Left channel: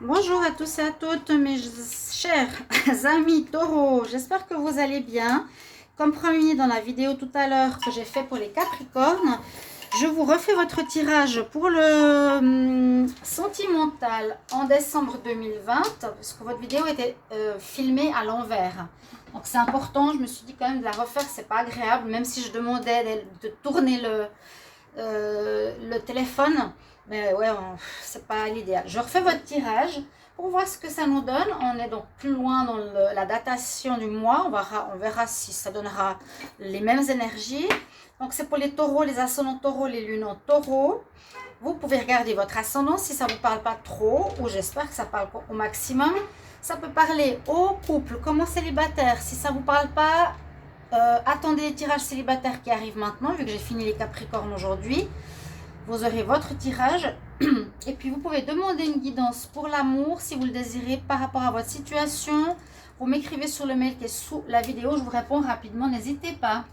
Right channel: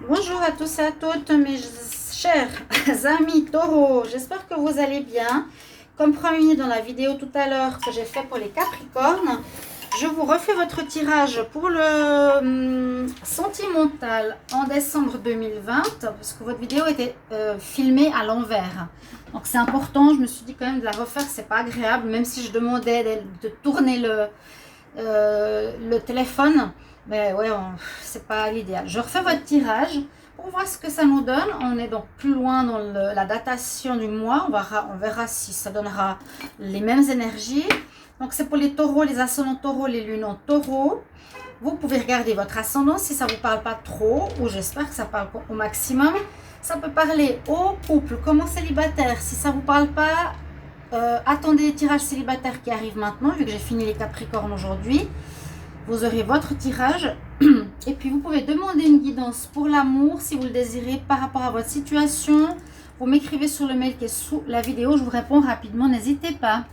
Bonjour à tous et à toutes mes chers amis taureaux, j'espère que vous allez bien. Comme promis dans la vidéo tout à l'heure que j'ai fait pour les capricornes, je vous refais votre tirage pour le sentimental en décembre 2020, parce que votre vidéo était filmée à l'envers. Donc c'est important, je me suis dit quand même de la refaire, c'est pas agréable, même si je demandais de tourner le téléphone. Mais ouais, c'est pas l'idéal. Je refais votre tirage pour voir ce que ça nous donne. On est donc plus loin dans la datation du mois. On verra si ça donnera les mêmes énergies. Donc c'est pour les taureaux, les ascendants taureaux, les lunes en taureau. Vous pouvez regarder votre ascendant si ça ne vous parle pas trop, ou j'espère que ça parle au maximum. Ça peut parler au couple, comme au célibataire. Si ça ne vous parle pas, attendez les tirages célibataires qui arrivent maintenant, vu que j'ai fini les capricornes aujourd'hui. Vous aurez votre tirage et puis vous pouvez demander une guidance pour l'amour si vous le désirez par rapport à votre situation. Vous m'écrivez sur le mail qui est sous la vidéo, je vous réponds rapidement, n'hésitez pas,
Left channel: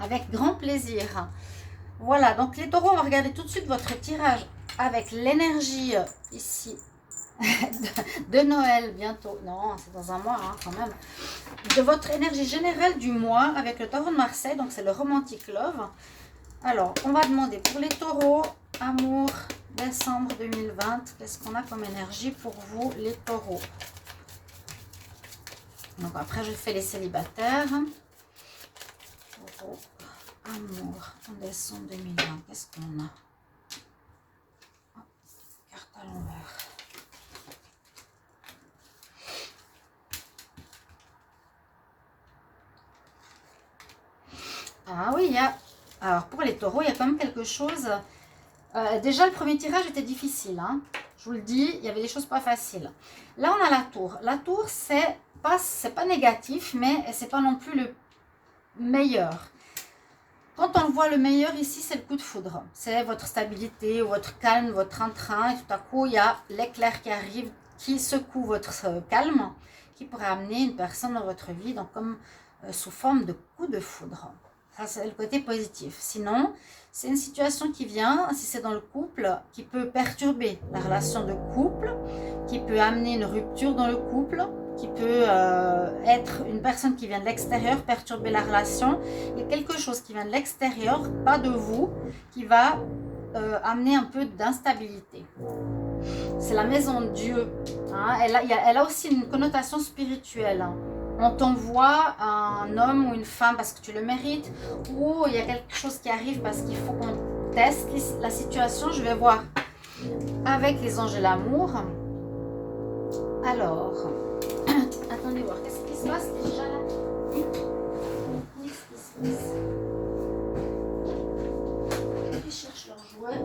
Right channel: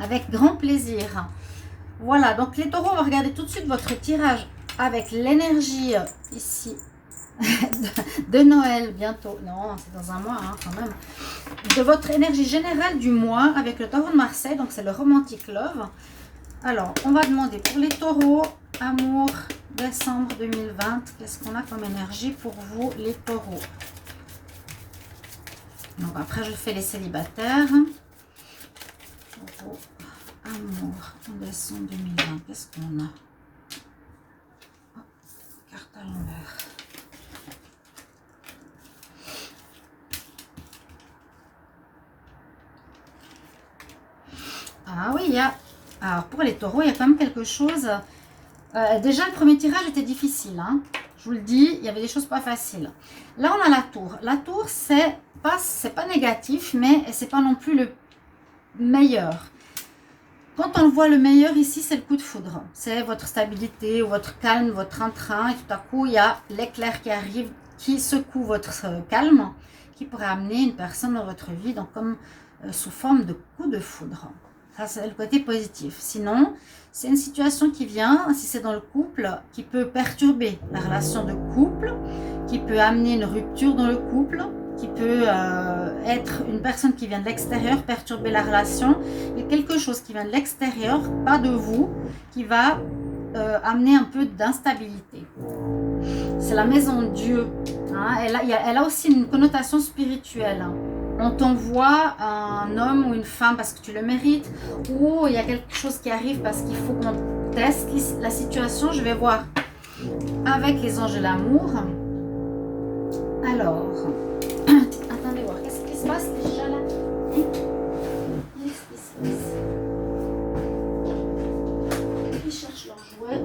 avec grand plaisir. Voilà, donc les taureaux, on va regarder tout de suite votre tirage avec l'énergie ici de Noël bientôt. Non, c'est dans un mois hein, quand même. De votre énergie générale du mois avec le taureau de Marseille, donc c'est le Romantic Love. Alors, on va demander pour les taureaux, amour, décembre 2020. Qu'est-ce qu'on a comme énergie pour vous, les taureaux? Donc, après, je fais les célibataires. Taureau, amour, décembre 2020. Qu'est-ce qu'on a? Oh, carte à l'envers. Ah oui, il y a... Alors, pour les taureaux, il y a quand même quelque chose... déjà, le premier tirage était difficile. Hein. Je vous le dis, il y avait des choses pas faciles. Là, on a la tour. La tour, c'est pas négatif, mais c'est pas non plus le meilleur. Quand on voit le meilleur ici, c'est le coup de foudre. C'est votre stabilité, votre calme, votre entrain. Et tout à coup, il y a l'éclair qui arrive, qui secoue votre calme, qui pourrait amener une personne dans votre vie, donc comme sous forme de coup de foudre. Ça, c'est le côté positif. Sinon, c'est une situation qui vient, si c'est dans le couple, qui peut perturber la relation de couple, qui peut amener une rupture dans le couple, qui peut être une personne qui vient de l'extérieur, perturber la relation. Il y a quelque chose qui vient de l'extérieur, pas de vous, qui va amener un peu d'instabilité. C'est la maison de Dieu. Hein. Elle a aussi une connotation spirituelle. Hein. On t'envoie un homme ou une femme parce que tu le mérites, ou il y a quelque chose qui arrive parce qu'il faut qu'on teste la situation. Je vais voir avec les anges de l'amour. Alors, attendez voir, qu'est-ce qui se passe déjà là? Qu'est-ce qui se passe? Ils cherchent leur jouet.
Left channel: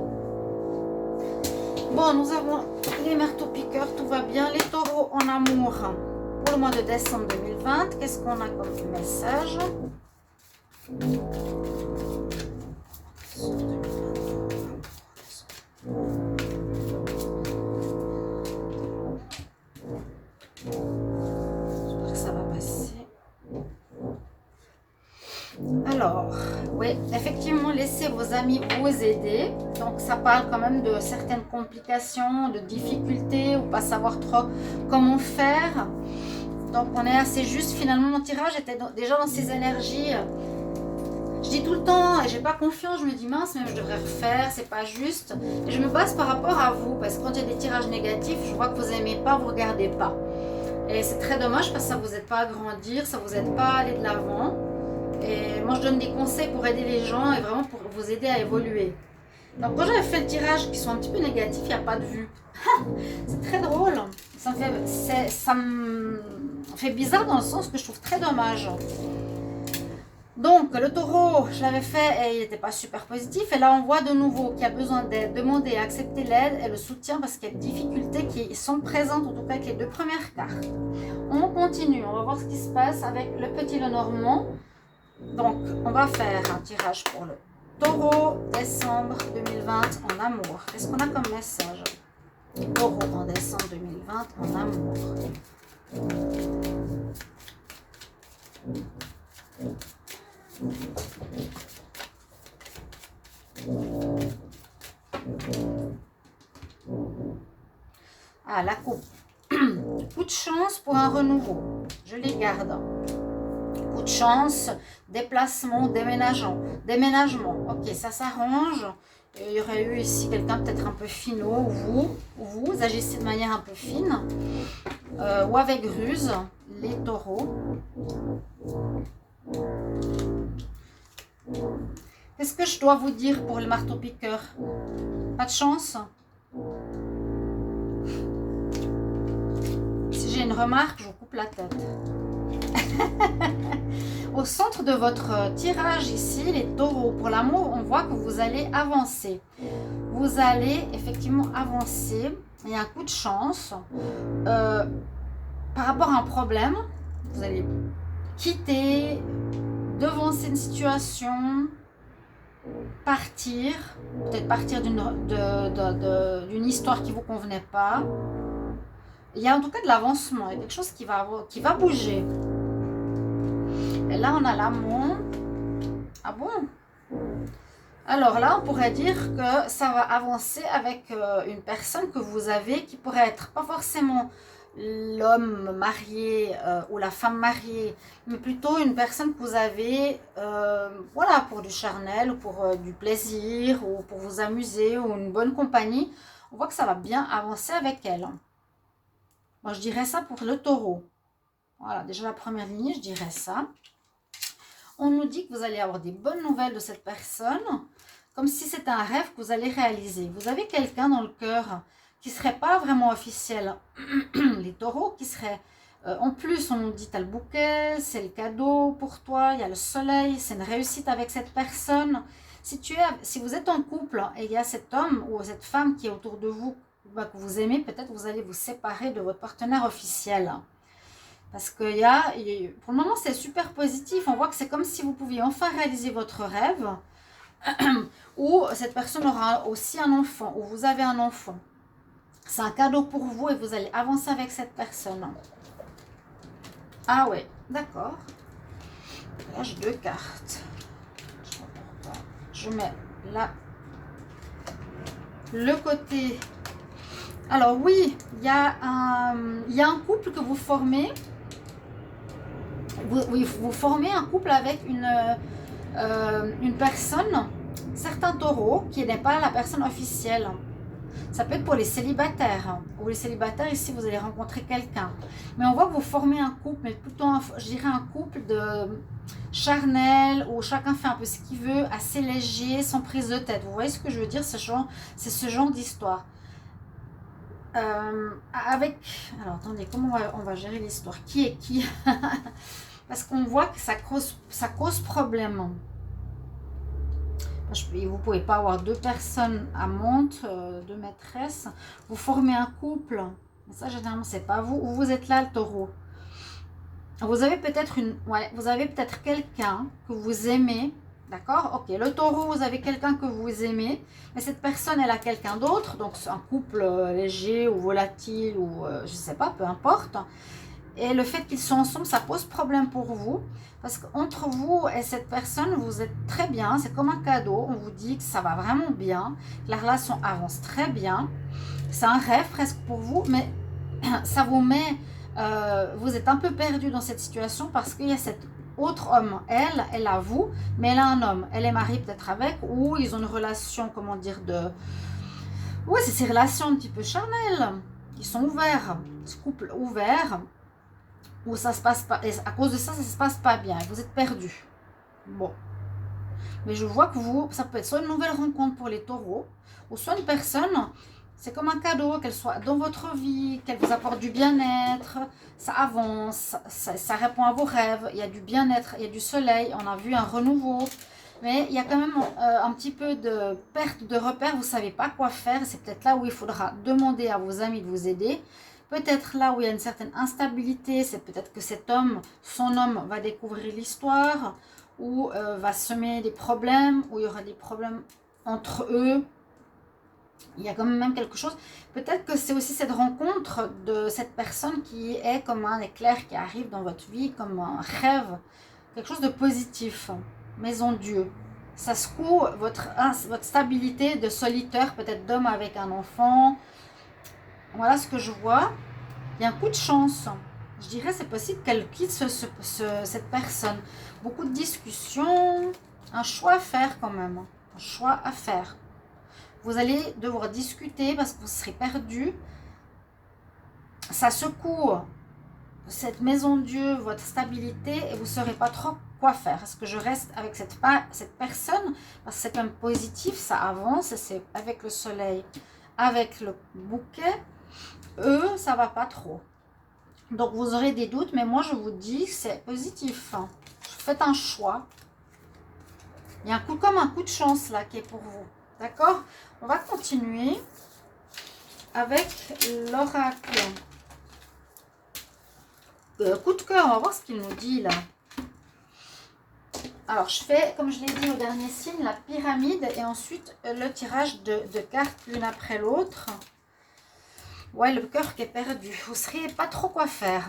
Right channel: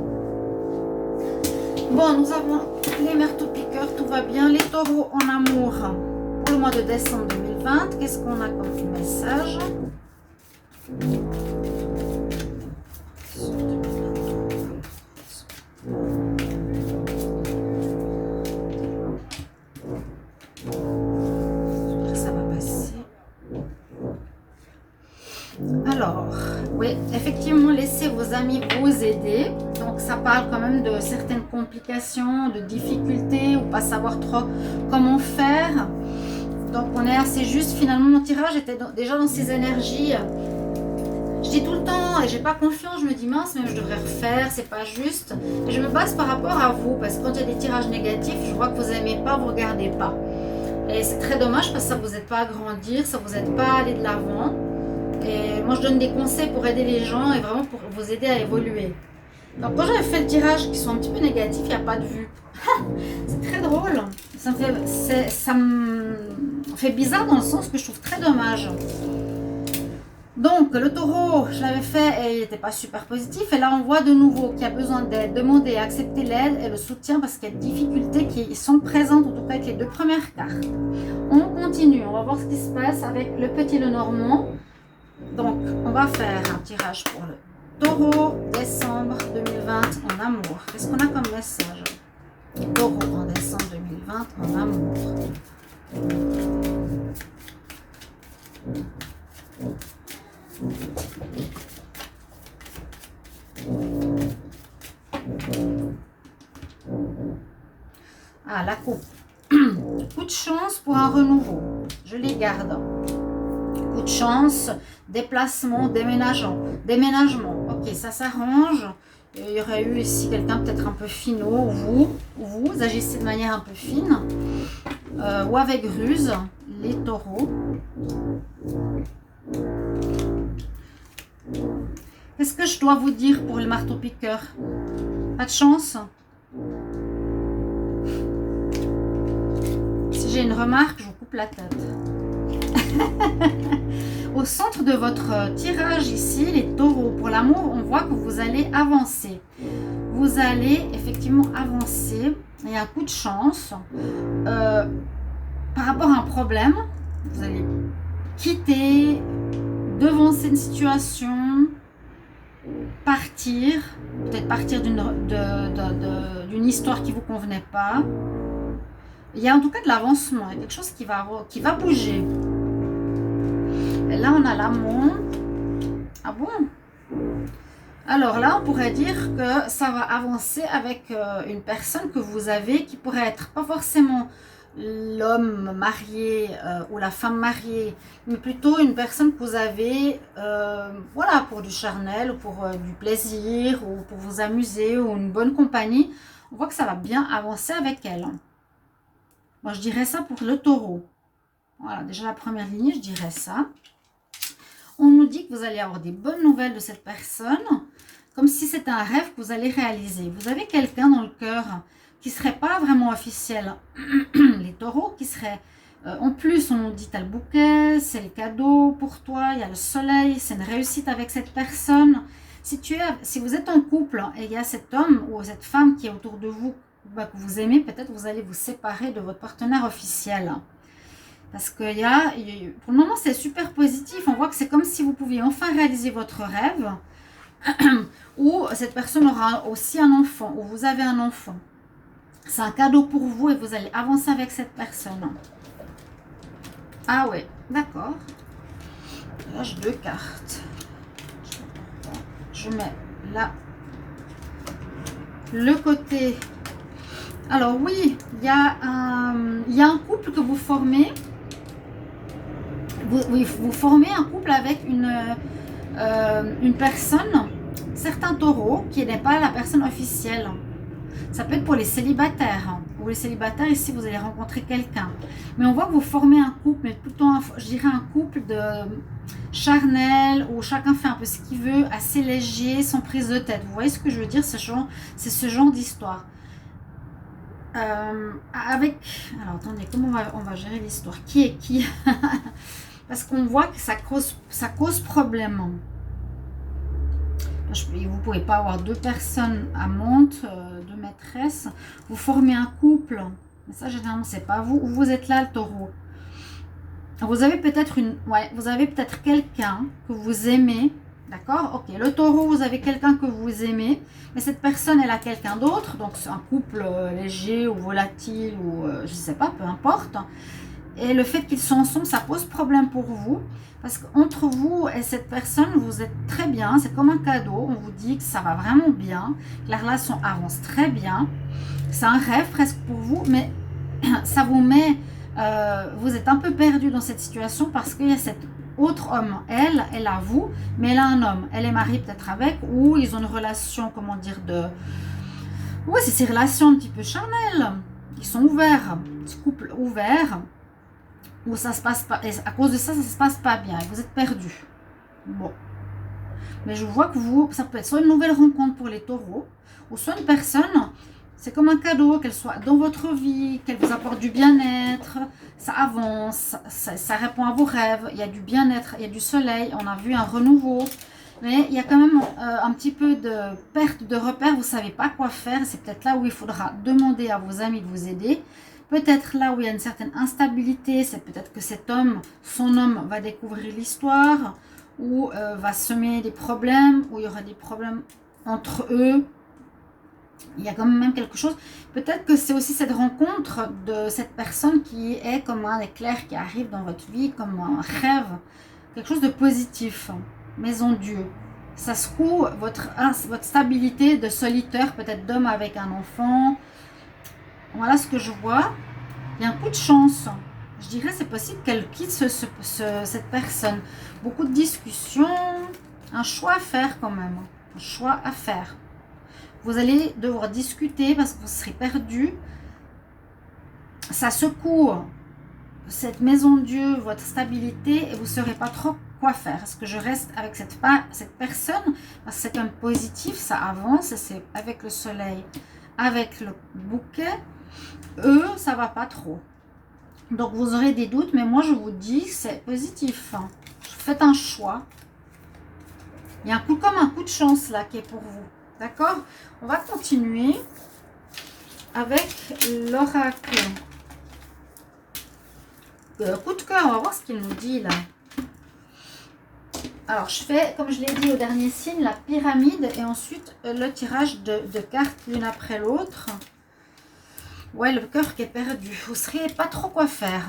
Bon, nous avons les marteaux-piqueurs, tout va bien. Les taureaux en amour pour le mois de décembre 2020. Qu'est-ce qu'on a comme message? Ça va passer. Alors, oui, effectivement, laissez vos amis vous aider. Donc, ça parle quand même de certaines complications, de difficultés, ou pas savoir trop comment faire. Donc, on est assez juste. Finalement, mon tirage était déjà dans ces énergies. Je dis tout le temps, j'ai pas confiance, je me dis mince, mais je devrais refaire, c'est pas juste. Je me base par rapport à vous, parce que quand il y a des tirages négatifs, je vois que vous aimez pas, vous regardez pas. Et c'est très dommage parce que ça vous aide pas à grandir, ça vous aide pas à aller de l'avant. Et moi, je donne des conseils pour aider les gens et vraiment pour vous aider à évoluer. Donc, quand j'avais fait le tirage qui sont un petit peu négatifs, il n'y a pas de vue. C'est très drôle. Ça me fait bizarre dans le sens que je trouve très dommage. Donc, le taureau, je l'avais fait et il n'était pas super positif. Et là, on voit de nouveau qu'il y a besoin d'aide, demander, accepter l'aide et le soutien parce qu'il y a des difficultés qui sont présentes, en tout cas avec les deux premières cartes. On continue, on va voir ce qui se passe avec le petit Lenormand. Donc, on va faire un tirage pour le taureau, décembre 2020 en amour. Qu'est-ce qu'on a comme message? Taureau en décembre 2020 en amour. Ah, la coupe. Coup de chance pour un renouveau. Je les garde. Coup de chance, déplacement, déménagement. Ok, ça s'arrange. Il y aurait eu ici quelqu'un peut-être un peu finot, vous agissez de manière un peu fine, ou avec ruse, les taureaux. Qu'est-ce que je dois vous dire pour le marteau-piqueur? Pas de chance? Si j'ai une remarque, je vous coupe la tête. Au centre de votre tirage ici, les taureaux, pour l'amour, on voit que vous allez avancer. Vous allez effectivement avancer. Il y a un coup de chance. Par rapport à un problème, vous allez quitter, devancer une situation, partir, peut-être partir d'une histoire qui ne vous convenait pas. Il y a en tout cas de l'avancement, il y a quelque chose qui va bouger. Et là, on a l'amour. Ah bon? Alors là, on pourrait dire que ça va avancer avec une personne que vous avez qui pourrait être pas forcément l'homme marié ou la femme mariée, mais plutôt une personne que vous avez voilà, pour du charnel, ou pour du plaisir, ou pour vous amuser, ou une bonne compagnie. On voit que ça va bien avancer avec elle. Moi, je dirais ça pour le taureau. Voilà, déjà la première lignée, je dirais ça. On nous dit que vous allez avoir des bonnes nouvelles de cette personne, comme si c'était un rêve que vous allez réaliser. Vous avez quelqu'un dans le cœur qui ne serait pas vraiment officiel. Les taureaux qui seraient... en plus, on nous dit, tu as le bouquet, c'est le cadeau pour toi, il y a le soleil, c'est une réussite avec cette personne. Si vous êtes en couple et il y a cet homme ou cette femme qui est autour de vous, que vous aimez, peut-être vous allez vous séparer de votre partenaire officiel. Parce que pour le moment, c'est super positif. On voit que c'est comme si vous pouviez enfin réaliser votre rêve. Ou cette personne aura aussi un enfant. Ou vous avez un enfant. C'est un cadeau pour vous et vous allez avancer avec cette personne. Ah ouais, d'accord. Là, j'ai 2 cartes. Je mets là le côté... Alors oui, il y a un couple que vous formez. Vous formez un couple avec une personne, certains taureaux, qui n'est pas la personne officielle. Ça peut être pour les célibataires. Pour les célibataires, ici, vous allez rencontrer quelqu'un. Mais on voit que vous formez un couple, mais plutôt, je dirais, un couple de charnel, où chacun fait un peu ce qu'il veut, assez léger, sans prise de tête. Vous voyez ce que je veux dire? C'est ce genre d'histoire. Alors, attendez, comment on va gérer l'histoire? Qui est qui? Parce qu'on voit que ça cause problème. Vous ne pouvez pas avoir 2 personnes amantes, 2 maîtresses. Vous formez un couple. Mais ça, généralement, c'est pas vous. Ou vous êtes là, le taureau. Vous avez peut-être quelqu'un que vous aimez. D'accord? Ok. Le taureau, vous avez quelqu'un que vous aimez. Mais cette personne, elle a quelqu'un d'autre. Donc, c'est un couple léger ou volatile ou je ne sais pas, peu importe. Et le fait qu'ils sont ensemble, ça pose problème pour vous. Parce qu'entre vous et cette personne, vous êtes très bien. C'est comme un cadeau. On vous dit que ça va vraiment bien. Que la relation avance très bien. C'est un rêve presque pour vous. Mais ça vous met... vous êtes un peu perdu dans cette situation parce qu'il y a cet autre homme. Elle a vous, mais elle a un homme. Elle est mariée peut-être avec, ou ils ont une relation, comment dire, de... Oui, c'est ces relations un petit peu charnelles. Ils sont ouverts. Ce couple ouvert... où ça se passe pas, et à cause de ça, ça se passe pas bien, vous êtes perdu. Bon. Mais je vois que ça peut être soit une nouvelle rencontre pour les taureaux, ou soit une personne, c'est comme un cadeau, qu'elle soit dans votre vie, qu'elle vous apporte du bien-être, ça avance, ça répond à vos rêves, il y a du bien-être, il y a du soleil, on a vu un renouveau, mais il y a quand même un petit peu de perte de repères, vous ne savez pas quoi faire, c'est peut-être là où il faudra demander à vos amis de vous aider. Peut-être là où il y a une certaine instabilité, c'est peut-être que cet homme, son homme, va découvrir l'histoire, ou va semer des problèmes, ou il y aura des problèmes entre eux. Il y a quand même quelque chose. Peut-être que c'est aussi cette rencontre de cette personne qui est comme un éclair qui arrive dans votre vie, comme un rêve, quelque chose de positif. Maison Dieu. Ça secoue votre stabilité de solitaire, peut-être d'homme avec un enfant. Voilà ce que je vois. Il y a un coup de chance. Je dirais c'est possible qu'elle quitte cette personne. Beaucoup de discussions, un choix à faire quand même. Un choix à faire. Vous allez devoir discuter parce que vous serez perdu. Ça secoue cette maison de Dieu, votre stabilité, et vous ne saurez pas trop quoi faire. Est-ce que je reste avec cette personne? Parce que c'est quand même positif, ça avance, et c'est avec le soleil, avec le bouquet. Eux, ça va pas trop. Donc vous aurez des doutes, mais moi je vous dis c'est positif. Faites un choix. Il y a comme un coup de chance là qui est pour vous. D'accord? On va continuer avec l'oracle. Coup de cœur, on va voir ce qu'il nous dit là. Alors je fais, comme je l'ai dit au dernier signe, la pyramide et ensuite le tirage de cartes l'une après l'autre. Ouais, le cœur qui est perdu. Vous ne sauriez pas trop quoi faire.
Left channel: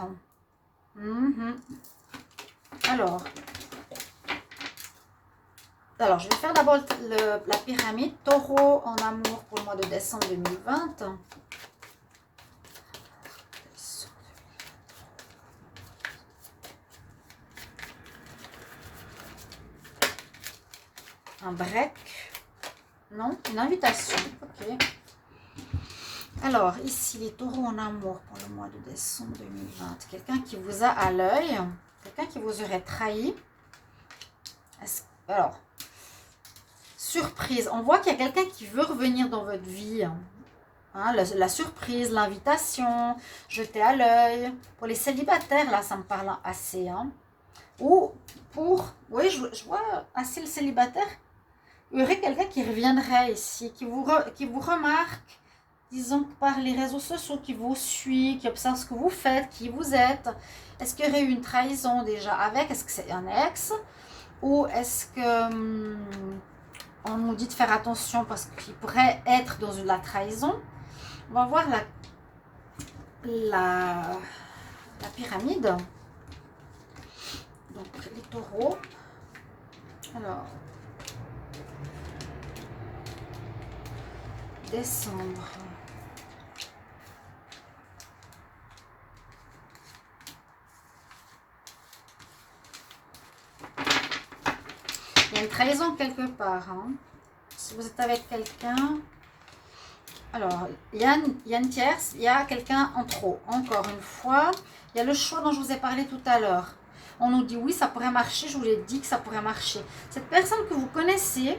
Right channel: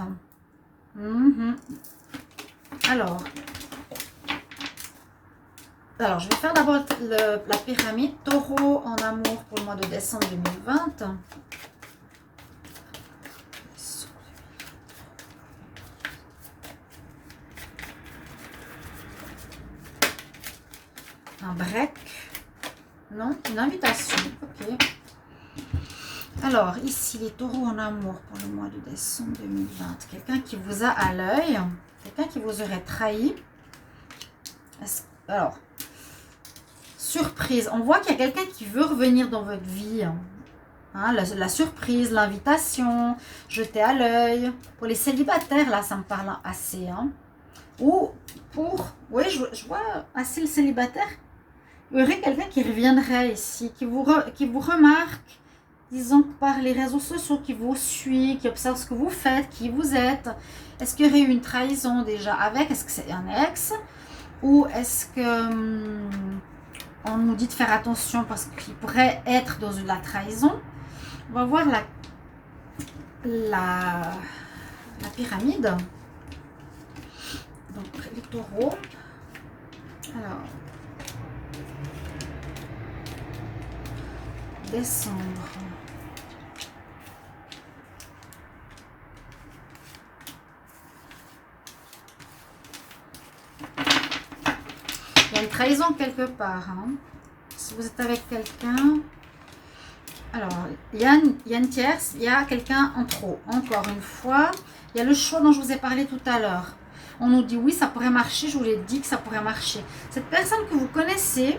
Alors, je vais faire d'abord la pyramide. Taureau en amour pour le mois de décembre 2020. Un break. Non, une invitation. Ok. Alors, ici, les taureaux en amour pour le mois de décembre 2020. Quelqu'un qui vous a à l'œil. Quelqu'un qui vous aurait trahi. Alors, surprise. On voit qu'il y a quelqu'un qui veut revenir dans votre vie. Hein, la surprise, l'invitation, jeter à l'œil. Pour les célibataires, là, ça me parle assez. Hein. Ou pour... Oui, je vois assez le célibataire. Il y aurait quelqu'un qui reviendrait ici, qui vous remarque, disons par les réseaux sociaux, qui vous suit, qui observe ce que vous faites, qui vous êtes. Est-ce qu'il y aurait eu une trahison déjà avec? Est-ce que c'est un ex? Ou est-ce que on nous dit de faire attention parce qu'il pourrait être dans la trahison? On va voir la pyramide. Donc les taureaux. Alors, décembre. Il y a une trahison quelque part. Hein. Si vous êtes avec quelqu'un, alors il y a une tierce, il y a quelqu'un en trop. Encore une fois, il y a le choix dont je vous ai parlé tout à l'heure. On nous dit oui, ça pourrait marcher, je vous l'ai dit que ça pourrait marcher. Cette personne que vous connaissez,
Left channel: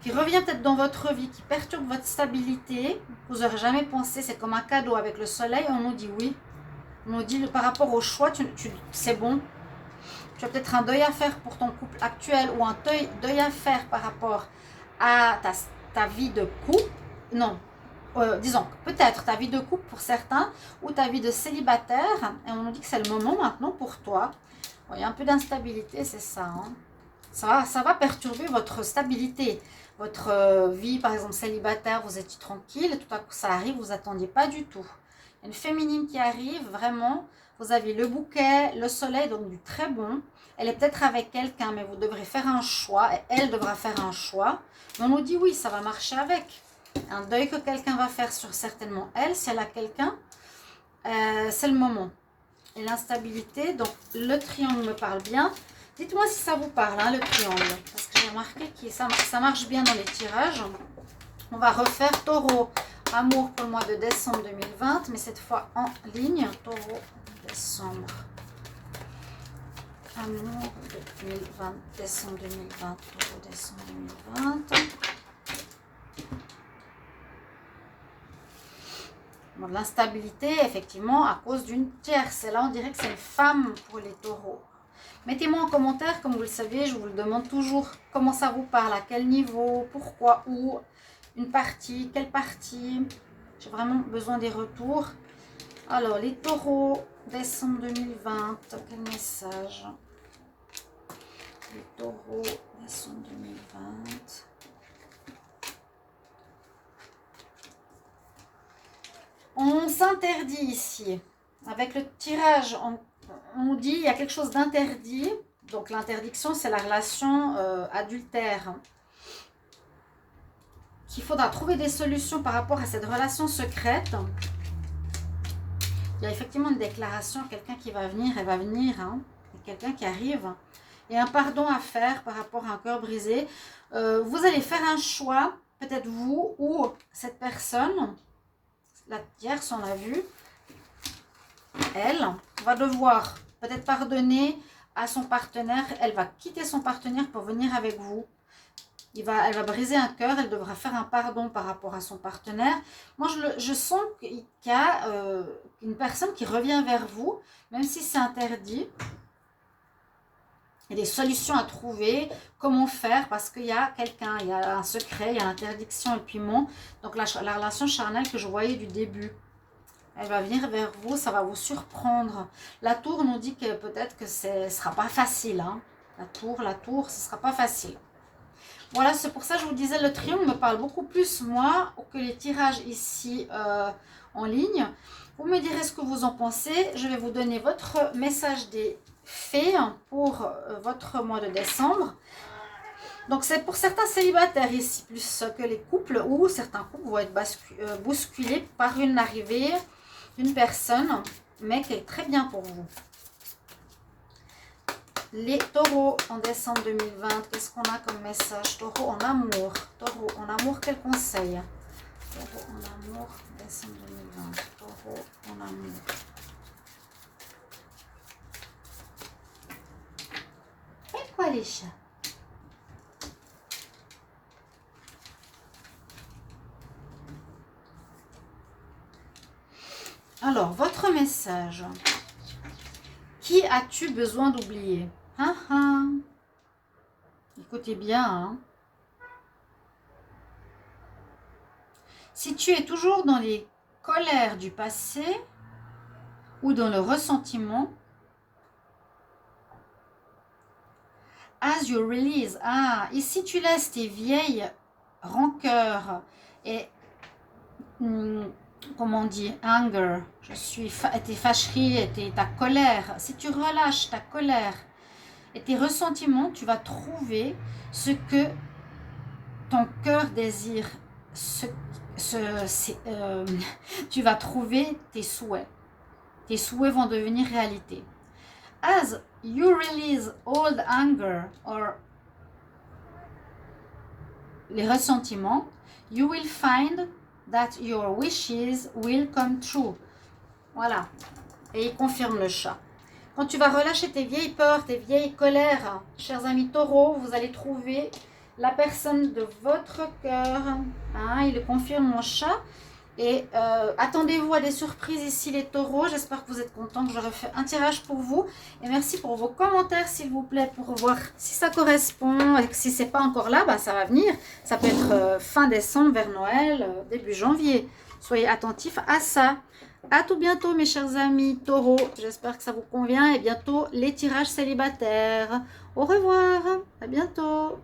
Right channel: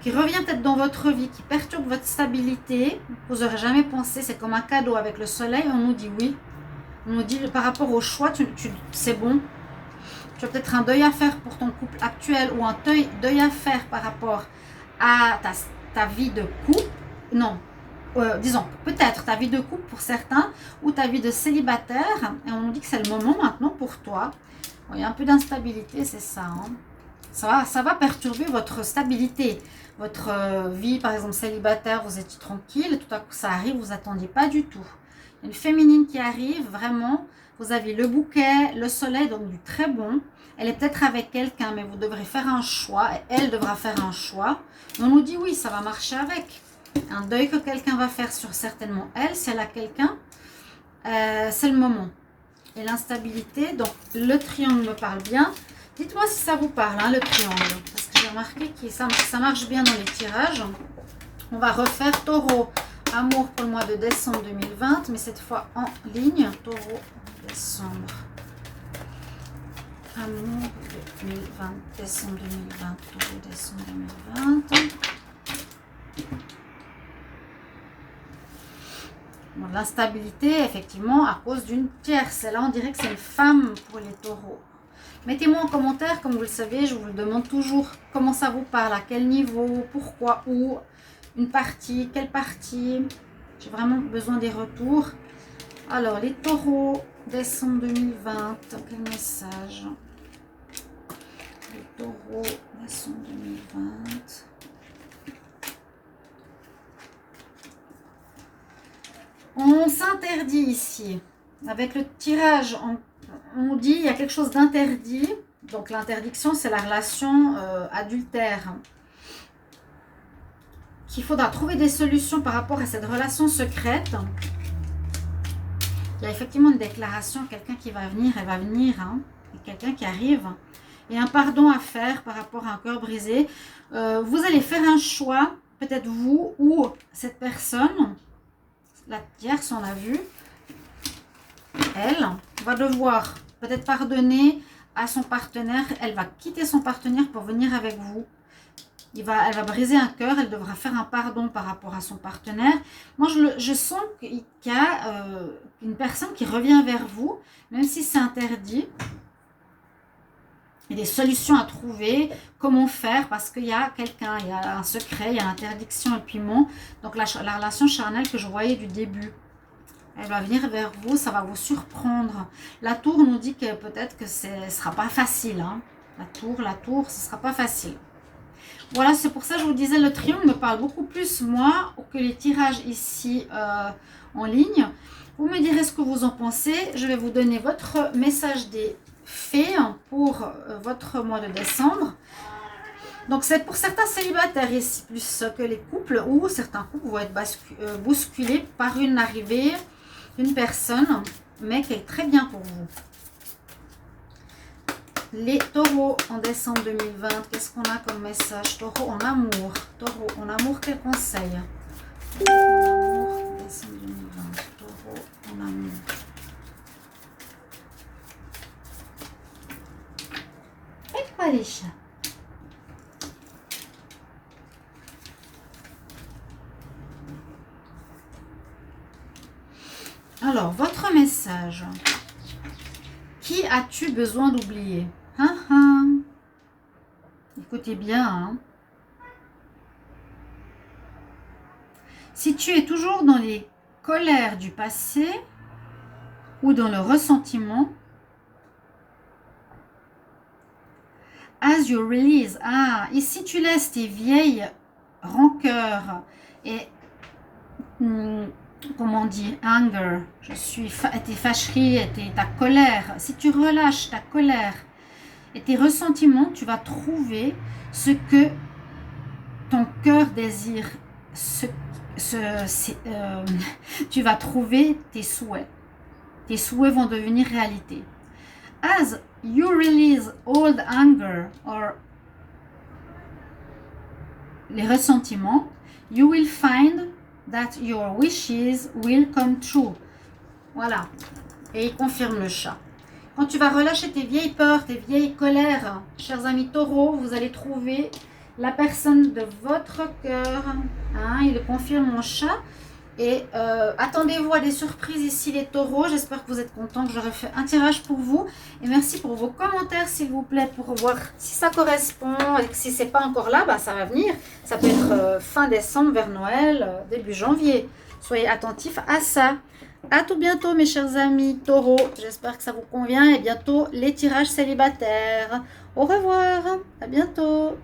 qui revient peut-être dans votre vie, qui perturbe votre stabilité, vous n'aurez jamais pensé, c'est comme un cadeau avec le soleil, on nous dit oui. On nous dit par rapport au choix, c'est bon. Tu as peut-être un deuil à faire pour ton couple actuel ou un deuil à faire par rapport à ta vie de couple. Non, disons, peut-être ta vie de couple pour certains ou ta vie de célibataire. Et on nous dit que c'est le moment maintenant pour toi. Bon, il y a un peu d'instabilité, c'est ça. Hein. Ça va perturber votre stabilité. Votre vie, par exemple, célibataire, vous étiez tranquille, tout à coup ça arrive, vous n'attendiez pas du tout. Il y a une féminine qui arrive, vraiment, vous avez le bouquet, le soleil, donc du très bon. Elle est peut-être avec quelqu'un, mais vous devrez faire un choix, et elle devra faire un choix. Et on nous dit oui, ça va marcher avec. Un deuil que quelqu'un va faire sur certainement elle, si elle a quelqu'un, c'est le moment. Et l'instabilité, donc le triangle me parle bien. Dites-moi si ça vous parle, hein, le triangle. Parce que j'ai remarqué que ça marche bien dans les tirages. On va refaire taureau, amour pour le mois de décembre 2020, mais cette fois en ligne. Taureau, décembre. Amour de 2020, décembre 2020, taureau, décembre 2020. Bon, l'instabilité, effectivement, à cause d'une tierce. Et là, on dirait que c'est une femme pour les taureaux. Mettez-moi en commentaire, comme vous le savez, je vous le demande toujours comment ça vous parle, à quel niveau, pourquoi, où, une partie, quelle partie. J'ai vraiment besoin des retours. Alors, les taureaux, décembre 2020, quel message? Les taureaux, décembre 2020. On s'interdit ici. Avec le tirage, on dit il y a quelque chose d'interdit. Donc l'interdiction, c'est la relation adultère. Qu'il faudra trouver des solutions par rapport à cette relation secrète. Il y a effectivement une déclaration, quelqu'un qui va venir, elle va venir, hein, quelqu'un qui arrive. Et un pardon à faire par rapport à un cœur brisé. Vous allez faire un choix, peut-être vous ou cette personne, la tierce, on l'a vu, elle va devoir peut-être pardonner à son partenaire. Elle va quitter son partenaire pour venir avec vous. Elle va briser un cœur, elle devra faire un pardon par rapport à son partenaire. Moi, je sens qu'il y a une personne qui revient vers vous, même si c'est interdit. Il y a des solutions à trouver, comment faire, parce qu'il y a quelqu'un, il y a un secret, il y a l'interdiction et le piment. Donc la relation charnelle que je voyais du début, elle va venir vers vous, ça va vous surprendre. La tour nous dit que peut-être que ce ne sera pas facile. Hein. La tour, ce ne sera pas facile. Voilà, c'est pour ça que je vous disais, le triomphe me parle beaucoup plus, moi, que les tirages ici en ligne. Vous me direz ce que vous en pensez. Je vais vous donner votre message des fées pour votre mois de décembre. Donc, c'est pour certains célibataires ici, plus que les couples, ou certains couples vont être bousculés par une arrivée d'une personne, mais qui est très bien pour vous. Les taureaux en décembre 2020, qu'est-ce qu'on a comme message? Taureau en amour. Taureau en amour, quel conseil? Taureau en amour, décembre 2020. Taureau en amour. Et quoi les chats? Alors, votre message. Qui as-tu besoin d'oublier? Écoutez bien. Hein. Si tu es toujours dans les colères du passé ou dans le ressentiment, as you release. Ah, ici tu laisses tes vieilles rancœurs et comment on dit, anger, tes fâcheries, ta colère. Si tu relâches ta colère et tes ressentiments, tu vas trouver ce que ton cœur désire. Tu vas trouver tes souhaits. Tes souhaits vont devenir réalité. As you release old anger or les ressentiments, you will find that your wishes will come true. Voilà. Et il confirme le chat. Quand tu vas relâcher tes vieilles peurs, tes vieilles colères, chers amis taureaux, vous allez trouver la personne de votre cœur. Hein, il le confirme mon chat. Et attendez-vous à des surprises ici les taureaux. J'espère que vous êtes contents que j'aurai fait un tirage pour vous. Et merci pour vos commentaires s'il vous plaît pour voir si ça correspond. Et si ce n'est pas encore là, bah, ça va venir. Ça peut être fin décembre vers Noël, début janvier. Soyez attentifs à ça. À tout bientôt mes chers amis taureaux. J'espère que ça vous convient. Et bientôt les tirages célibataires. Au revoir. À bientôt.